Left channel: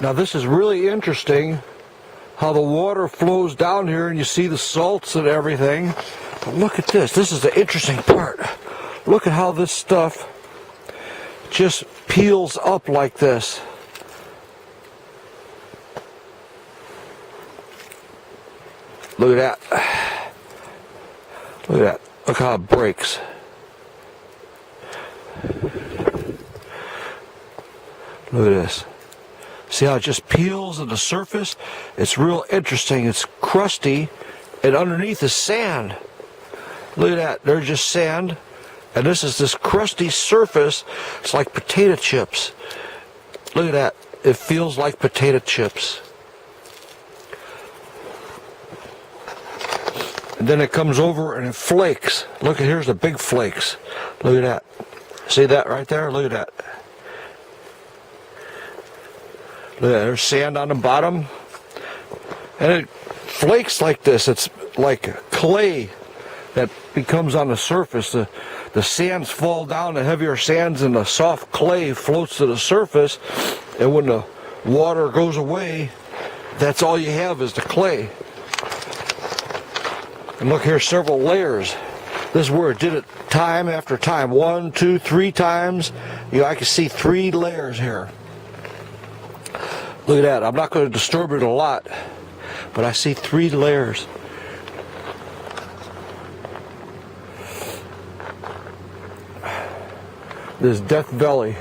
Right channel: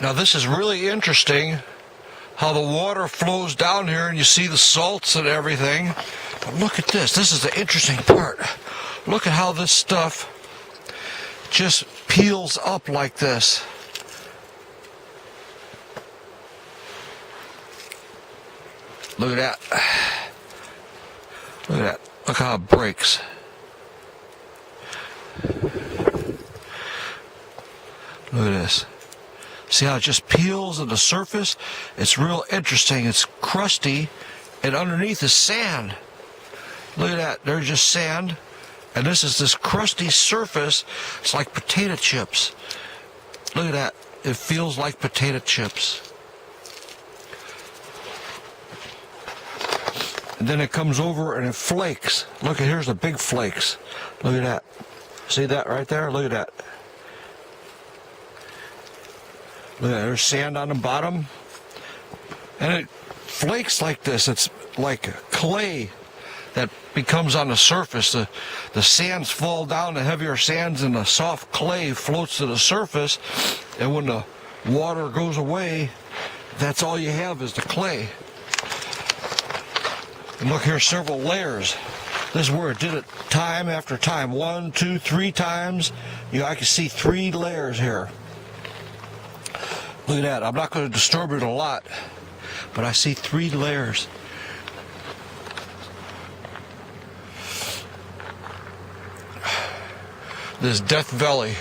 Now this is really interesting, how the water flows down here and you see the salts and everything. But look at this. This is the interesting part. Look at how this stuff just peels up like this. Look at that. Look at that. Look how it breaks. Look at this. See how it just peels on the surface? It's real interesting. It's crusty, and underneath is sand. Look at that. There's just sand, and this crusty surface. It's like potato chips. Look at that. It feels like potato chips. And then it comes over and it flakes. Look, here's the big flakes. Look at that. See that right there? Look at that. Look at that. There's sand on the bottom. And it flakes like this. It's like clay that becomes on the surface. The sands fall down, the heavier sands, and the soft clay floats to the surface. And when the water goes away, that's all you have is the clay. And look here, several layers. This is where it did it time after time. 1, 2, 3 times. I can see 3 layers here. Look at that. I'm not going to disturb it a lot, but I see 3 layers. This Death Valley.